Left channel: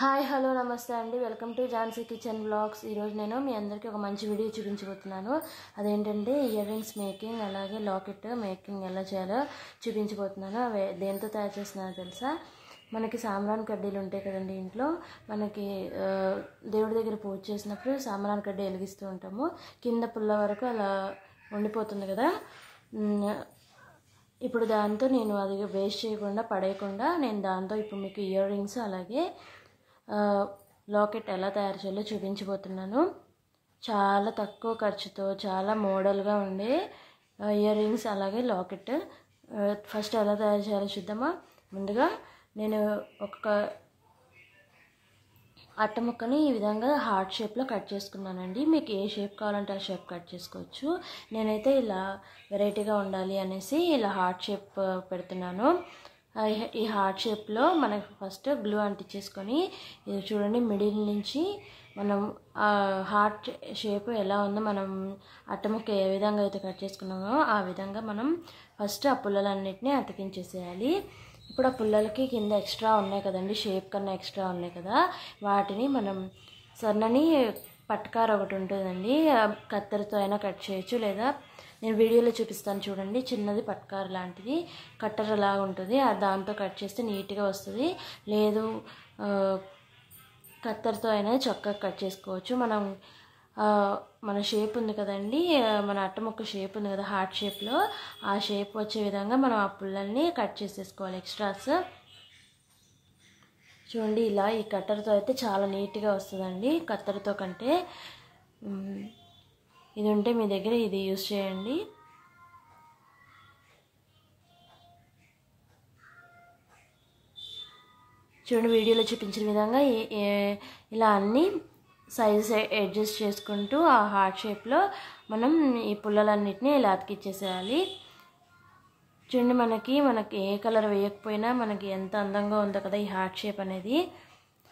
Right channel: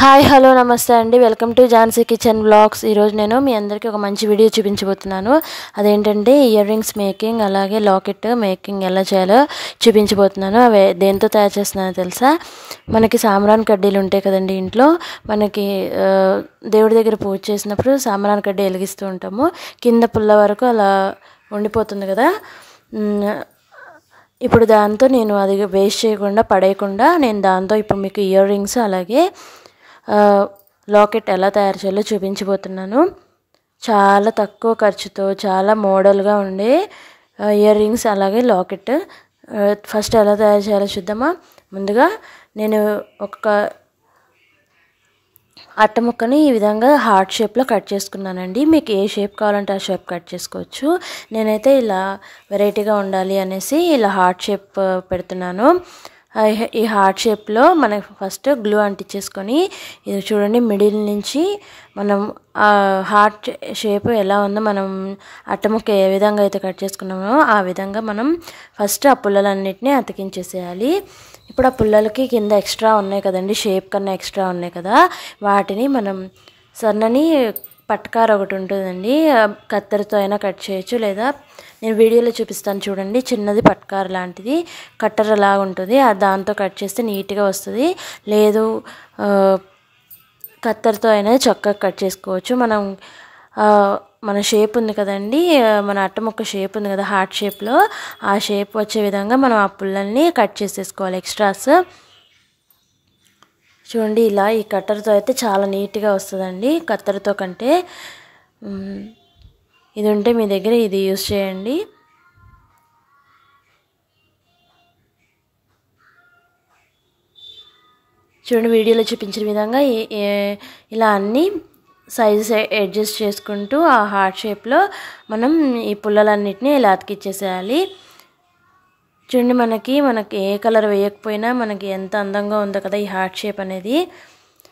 Hi hello నమస్తే అండి. Welcome to Jhansi kitchen vlogs. ఈరోజు నేను మీ అందరికీ ఒక మంచి వీడియో చూపించబోతున్నాను. అదేంటంటే ఇయర్ రింగ్స్ మేకింగ్, అలాగే లాకెట్ మేకింగ్ ఎలా చేయాలో చూపించబోతున్నాను. అవి దేంతో తయారు చేస్తున్నానో తెలుసా? మనకి సాంబ్రాన్ కడ్డీలు ఉంటాయి కదండి ఇంట్లో. మనకి దేవుడి దగ్గర పూజ చేసినప్పుడు సాంబ్రాన్ కడ్డీ వెలిగిస్తూ ఉంటాము. కింద పుల్ల వరకు అలా ఉండిపోతుంది కదా. ఇప్పుడు దాంతో నేను అది వేస్ట్ చేయకుండా పడేయకుండా నేను దాంతో ఇప్పుడు మీకు ఇయర్ రింగ్స్ అలాగే లాకెట్ ఎలా తయారు చేయాలో చూపించబోతున్నాను. చాలా తక్కువ ఖర్చుతో చాలా మోడల్గా ఉండే ఇయర్ రింగ్స్ అలాగే లాకెట్ ఫస్ట్ ఎలా తయారు చేయాలో చూద్దామా. ముందుగా నేను ఒక అట్ట ముక్కని ఈ విధంగా హార్ట్ షేప్లో కట్ చేసుకున్నానండి. మీకు ఏ షేప్ కావాలంటే ఆ షేప్ కట్ చేసుకోవచ్చు. నేనైతే ఇలా వెరైటీగా ఉండాలి అనేసి ఇలా హార్ట్ షేప్ పెడుతున్నాను. ఈ హార్ట్ షేప్లో మనకి ఫస్ట్ గ్లూ అంటించేసుకొని ఇది చూడండి, మిడిల్ నుంచి మనం హార్ట్ షేప్ ఎలా ఉందో మనం అట్టముక్క ఏ విధంగా అయితే కట్ చేసుకున్నామో ఆ విధంగా మనం ఫస్ట్ ఆ పుల్లలన్నిటినీ అతికించేసేయాలి. ఇప్పుడు ఆ పుల్లలకి కింద ఎక్స్ట్రా ఉన్నాయి కదండి, షేప్ కన్నా ఎక్స్ట్రా ఉన్నాయి కదా, వాటిని మనం సన్నని పట్కార ఒకటి ఉంటుందండి, కత్తెరతో అయినా కట్ చేయొచ్చు, లేదా నేను వీడియోలో చూపిస్తాను చూడండి, చిన్నది పట్కార లాంటిది కట్టర్ లాగా ఉంటుంది, దాంతో కట్ చేస్తే నీట్గా వస్తుంది. లేదు కత్తెరతో అయినా చక్కగా కట్ చేసుకోవచ్చు. మన షేప్ ఉంది కదండి, మన అట్టముక్క షేప్ ఉంది కదా హార్ట్ షేప్లో, ఆ షేప్ వచ్చే విధంగా మనం ఆ పుల్లల్ని కట్ చేసేసుకోవాలి ఎక్స్ట్రాస్. చూడండి, ఇలా ఈ కట్టర్తో అయితే చాలా నీట్గా వస్తుందండి కత్తెరతో కంటే. ఇది ఉంటే మీ దగ్గర ఇది యూస్ చేయండి. చూడండి, వీడియోలో చూపించిన విధంగా ఇలా అన్నీ సైజెస్ అడ్జస్ట్ చేసుకుంటూ ఆ హార్ట్ షేప్లో మనం ఈ పుల్లలన్నిటినీ ఇలా అతికిచ్చేసేయాలి. చూడండి, మనకి ఏ కలర్ వేయకపోయినా మనకి ఎంత అందంగా ఉందో కదా ఈ హార్ట్ షేప్ అనేది.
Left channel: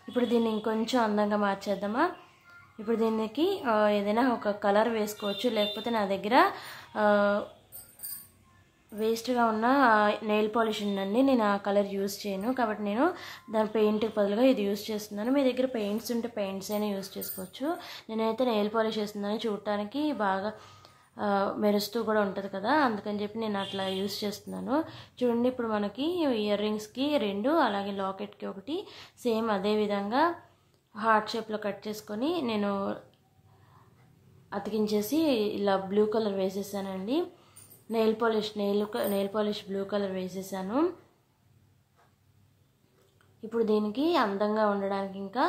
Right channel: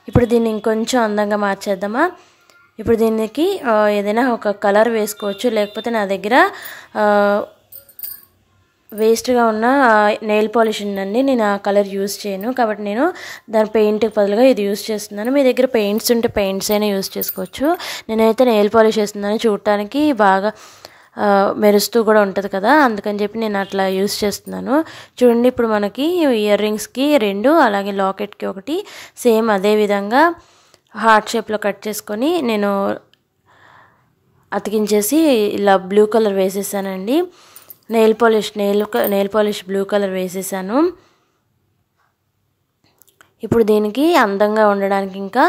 ఇప్పుడు దీన్ని ఇంకొంచెం అందంగా మార్చేద్దామా. ఇప్పుడు దీనికి ఏదైనా ఒక కలర్ వేసుకోవచ్చు, లేకపోతే నా దగ్గర వేస్ట్గా ఉన్న నెయిల్ పాలిష్ ఉందండి, నేను ఆ కలర్ యూస్ చేయను కాబట్టి నేను దాని పెయింట్కి బదులుగా ఇది యూస్ చేస్తున్నాను. మీ దగ్గర పెయింట్స్ ఉంటే పెయింట్స్ అయినా యూస్ చేసుకోవచ్చు. నేనైతే నెయిల్ పాలిష్ వేస్తున్నాను, చూడటానికి బాగా మెరుస్తూ కూడా ఉంటుంది కదా, అందుకని చెప్పి నేను అట్లా యూస్ చేస్తున్నాను. చూడండి, ఇప్పుడు మనకి ఇయర్ రింగ్స్కి 2 అలాగే లాకెట్కి 1 సేమ్ అదే విధంగా హార్ట్ షేప్లో కట్ చేసుకొని నేను అతికించేసి ఇలా బ్లూ కలర్ వేసేసానండి. నెయిల్ పాలిష్ బ్లూ కలర్ వేసేసాను. ఇప్పుడు దీనికి అందంగా ఉండడానికి ఇంకా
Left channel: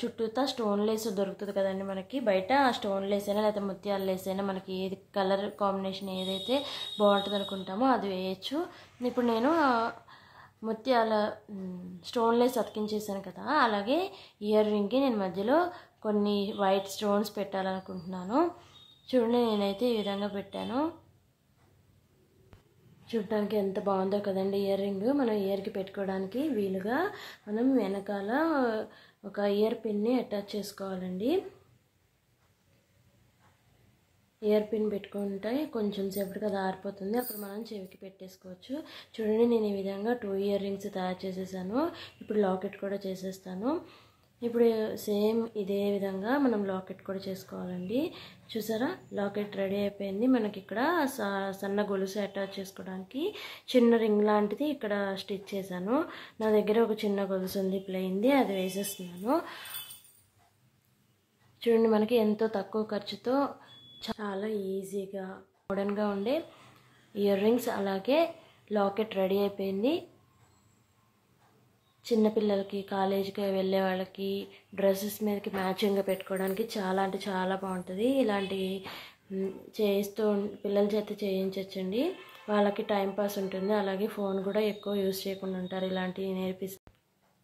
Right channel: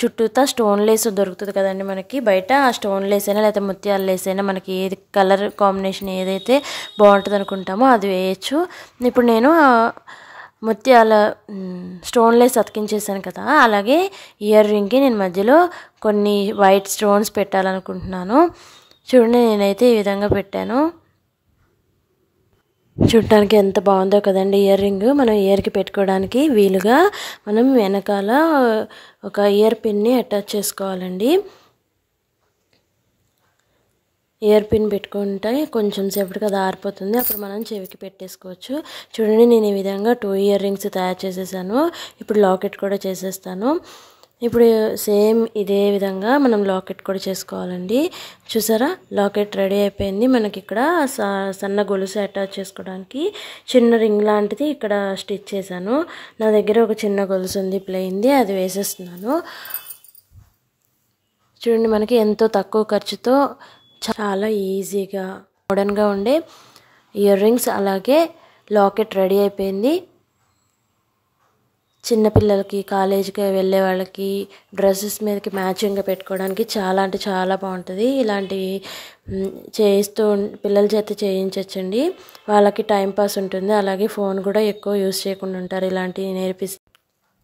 చుట్టూతా స్టోన్ లేస్ దొరుకుతుంది కదండి మనకి బయట, ఆ స్టోన్ లేస్ అయినా లేకపోతే ముత్యాల లేస్ అయినా మనకి ఏది కలర్ కాంబినేషన్ ఏదైతే బాగుంటుంది అనుకుంటామో అది వేయచ్చు. ఇప్పుడు నేను ముత్యాల స్టోన్ లేస్ అతికించేసాను కదా, అలాగే ఇయర్ రింగ్కి నేను మధ్యలో కొన్ని వైట్ స్టోన్స్ పెట్టాలనుకుంటున్నాను. చూడండి, నేనైతే ఈ విధంగా పెట్టాను. చూడటానికి ఎంత బాగుందో కదండి ఇయర్ రింగ్. మనం ఇయర్కి పెట్టుకోవడానికి వీలుగా మనం వెనకాల ఒక ఇయర్ పిన్ని అటాచ్ చేసుకోవాలండి. ఇయర్ పిన్ పెట్టుకుంటే కొంచెం సేపటికి అది ఆరిపోతుంది, అప్పుడు మనం చెవికి పెట్టేసుకోవచ్చు. చూడండి, నేను ఈ విధంగా 2 ఇయర్ రింగ్స్ తయారు చేసేసాను. ఇప్పుడు లాకెట్ కూడా చేసేస్తాను. ఇప్పుడు సేమ్ ఇదే విధంగా మనం లాకెట్ కూడా చేసుకోవాలండి. చూసారా, లాకెట్ రెడీ అయిపోయింది. మనకి ఇక్కడ సన్న గొలుసు అటాచ్ చేసుకోవడానికి చిన్న రింగ్ లాంటిది ఇక్కడ స్టిచ్ చేశాను. నా దగ్గర ఒక చిన్న గొలుసు ఉంది ప్లెయిన్ది, అది వేసేస్తున్నాను. చూడండి, మనకి ఎంతో తక్కువ ఖర్చుతో చాలా ఈజీగా మోడర్న్గా ఉండే ఇయర్ రింగ్స్ అలాగే లాకెట్ రెడీ అయిపోయింది. చిన్నపిల్లలకి, కాలేజీకి వెళ్ళే వాళ్ళకి డ్రెస్సెస్ మీదకి మ్యాచింగ్గా పెట్టుకోవడానికి చాలా అంటే చాలా బాగుంటుంది. ఇలాంటివి చేస్తూ పిల్లల చేత చేయించవచ్చండి, వాళ్ళకి టైంపాస్ ఉంటుంది, అలాగే ఫోన్ కూడా ఎక్కువ యూస్ చేయకుండా ఉంటారు. ఇలాంటివి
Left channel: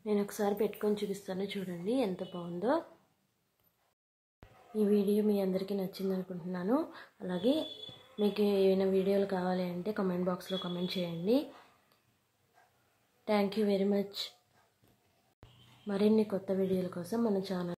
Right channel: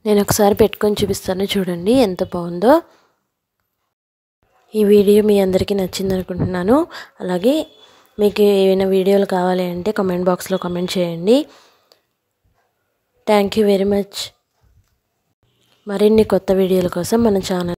నేను ఒకసారి పెట్టుకొని చూపిస్తాను, చూడండి ఎంత బాగుందో. ఈ వీడియో మీ అందరికీ నచ్చింది అనుకుంటున్నాను. అలాగే మీకు ఏమైనా వీడియోలు కావాలి అంటే కామెంట్ బాక్స్లో కామెంట్ చేయండి. Thank you very much. మరిన్ని కొత్త వీడియోల కోసం మన ఛానల్